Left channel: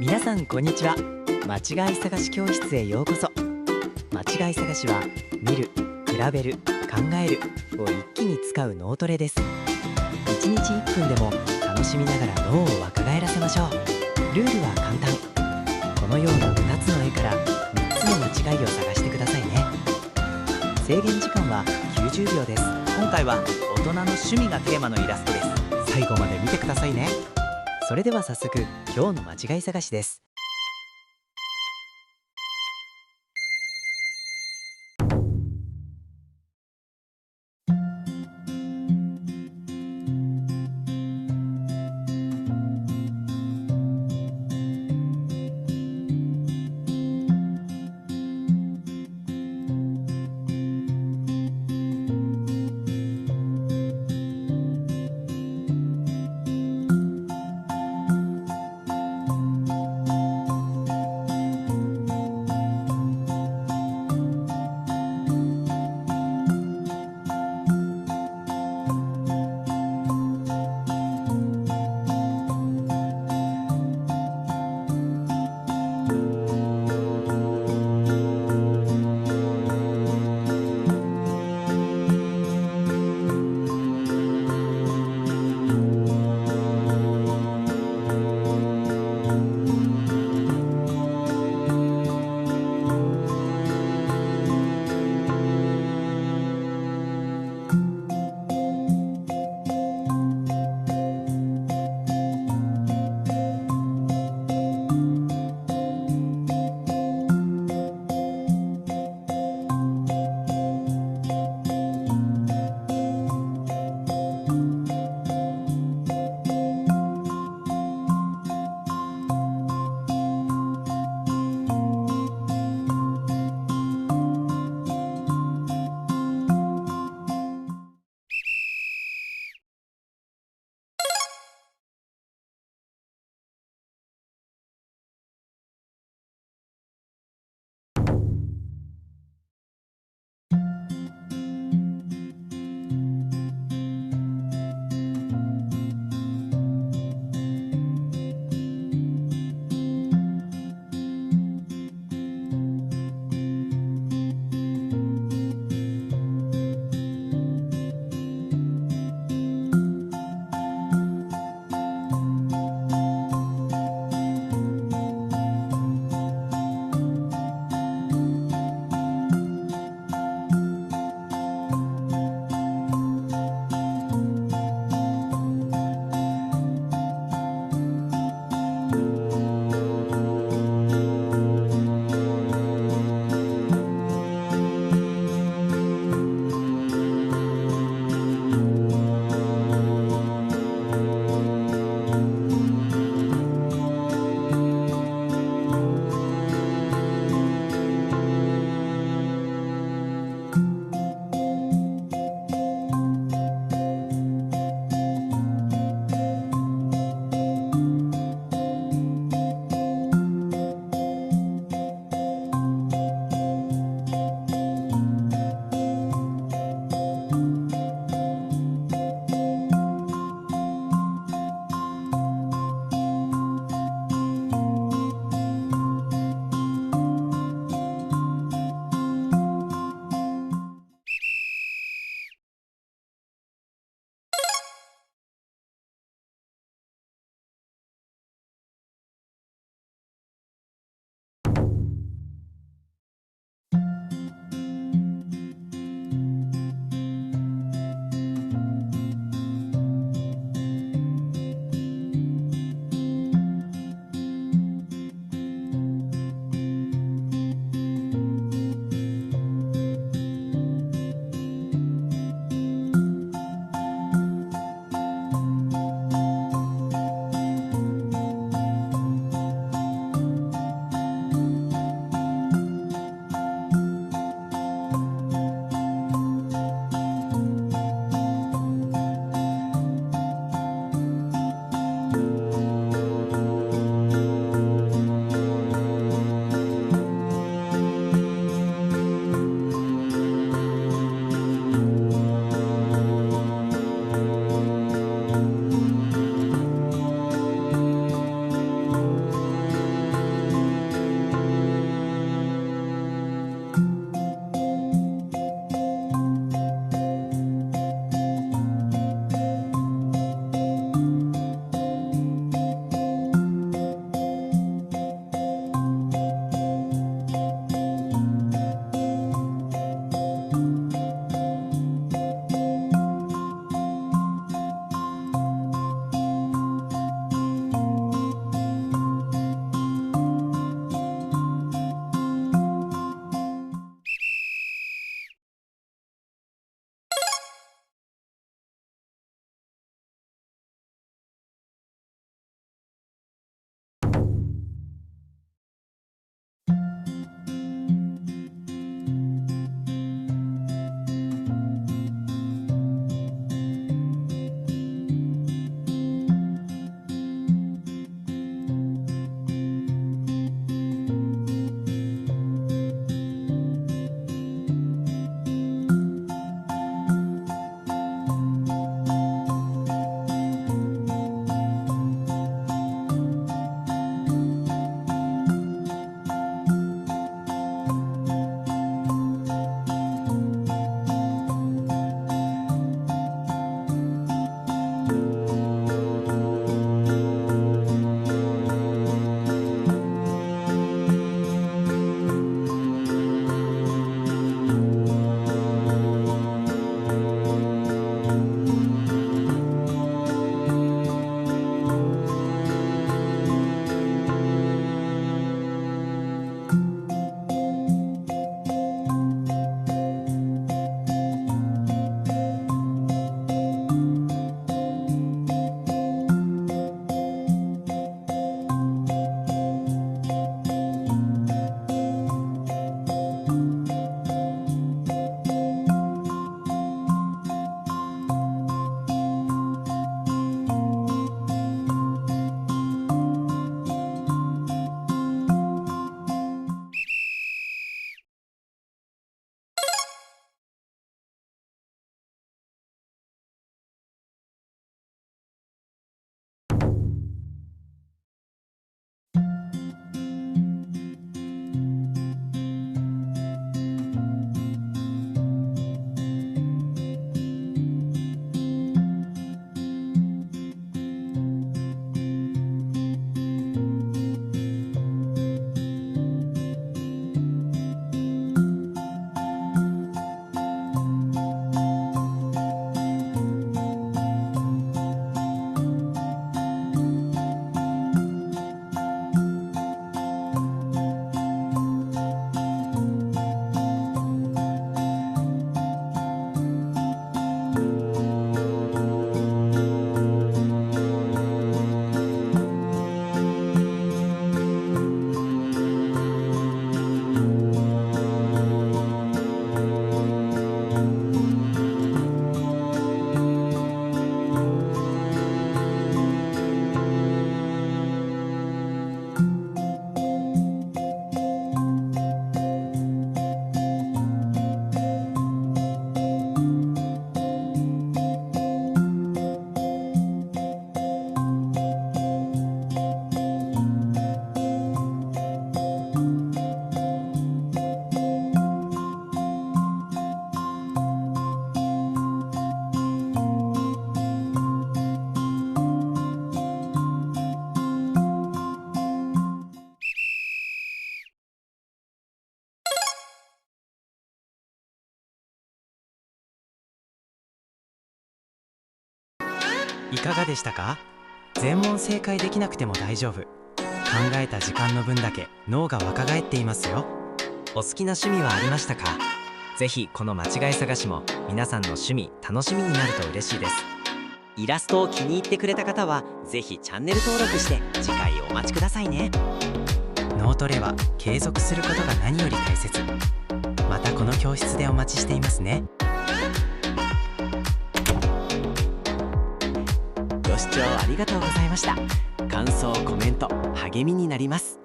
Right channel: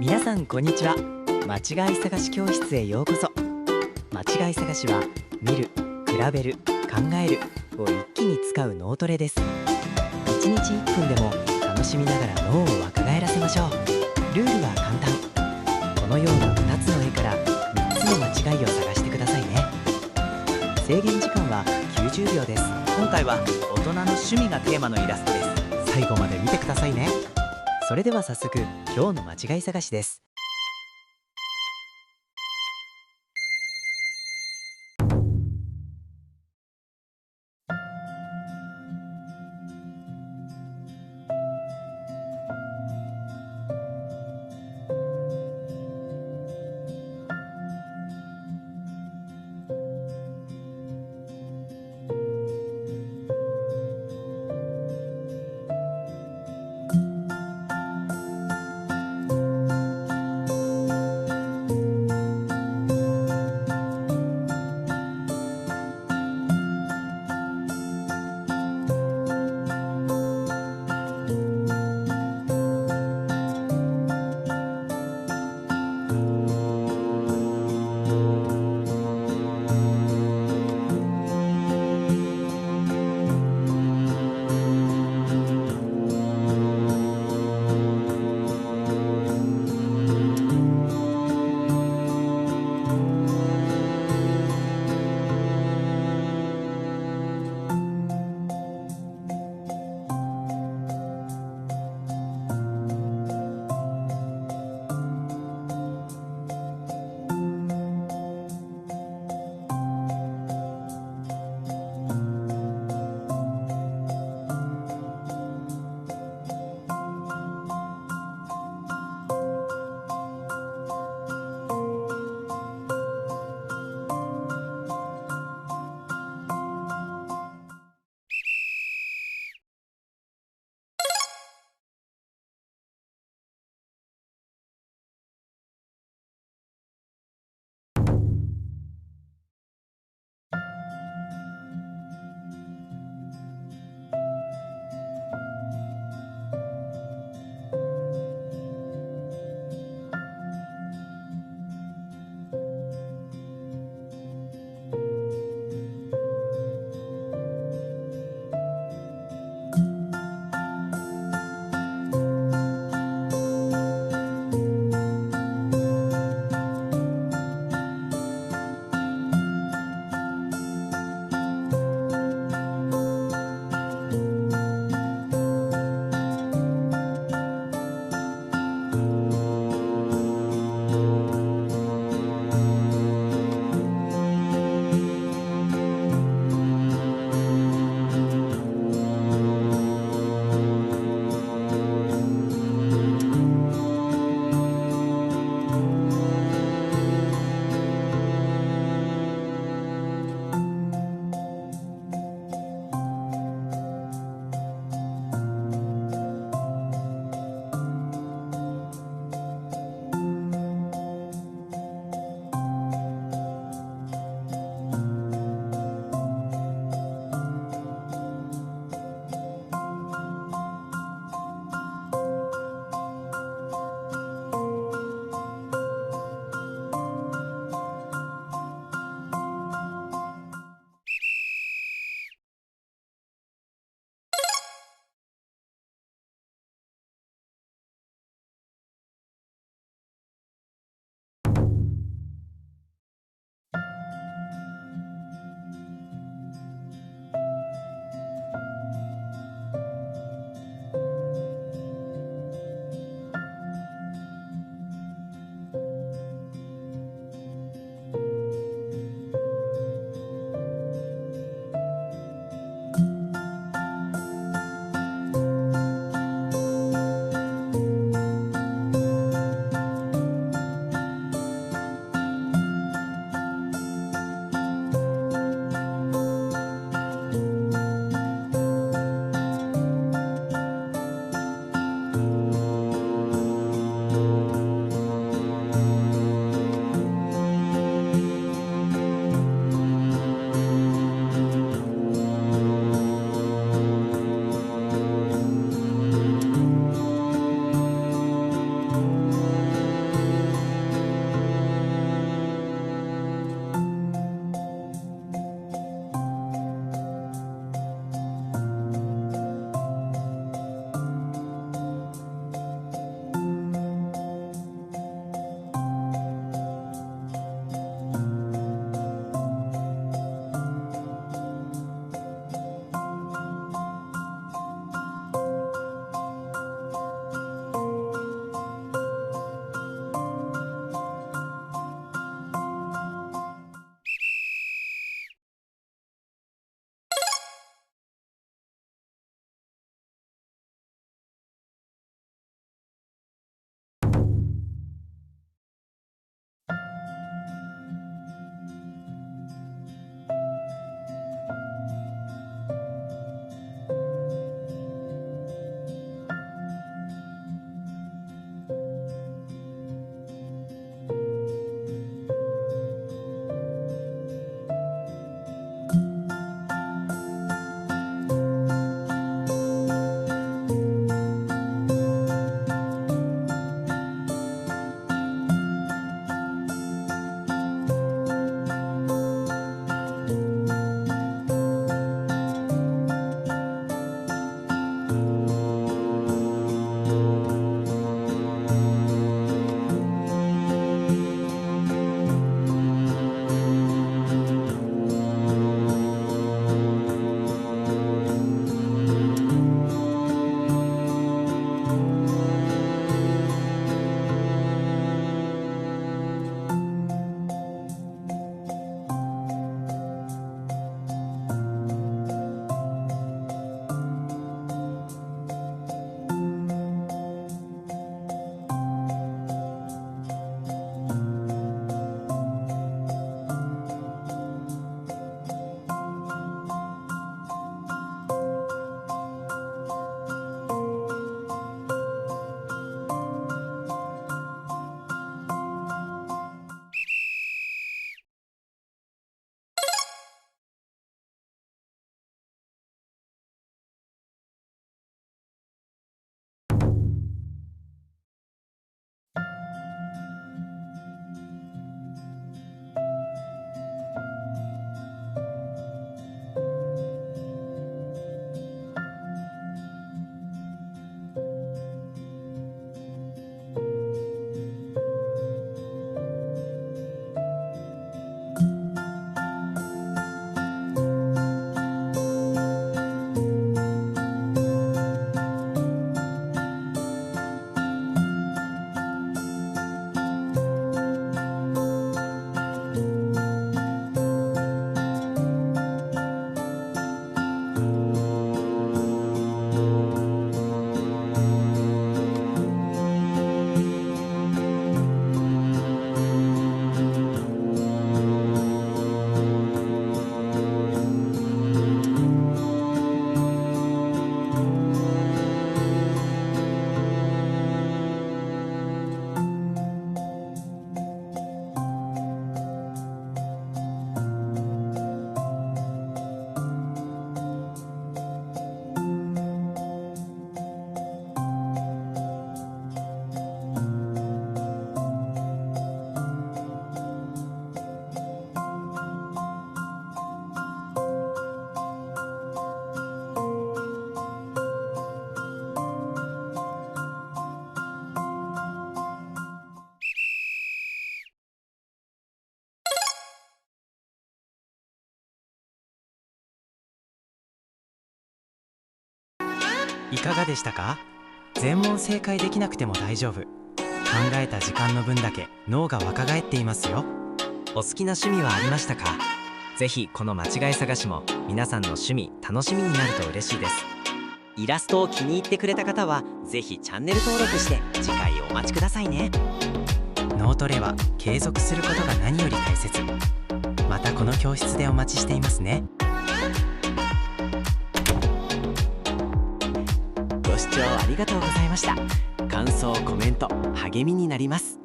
皆さんこんにちは。間違い探し教室へようこそ。間違い探しは見る、比べる、考えるを一気に使う脳トレです。1日1分でも楽しみながら脳を若返らせましょう。ルールは簡単。このような2つの絵から3つの間違いを探してくださいね。制限時間は90秒です。今回は大人の趣味がテーマのイラストです。最後まで見てくださいね。それでは早速今日の間違い探しです。いかがでしたか？全問正解できなくても大丈夫。考えた時間の分だけ脳が若返っていますよ。お好きな趣味はありましたか？ぜひこの間違い探しも皆さんの趣味楽しみになると嬉しいです。イラストを気に入ってくれた方はぜひチャンネル登録して次回お待ちくださいね。脳トレは継続することが何より大切。またこの教室でお待ちしていますね。ご視聴ありがとうございました。感想コメント励みになります。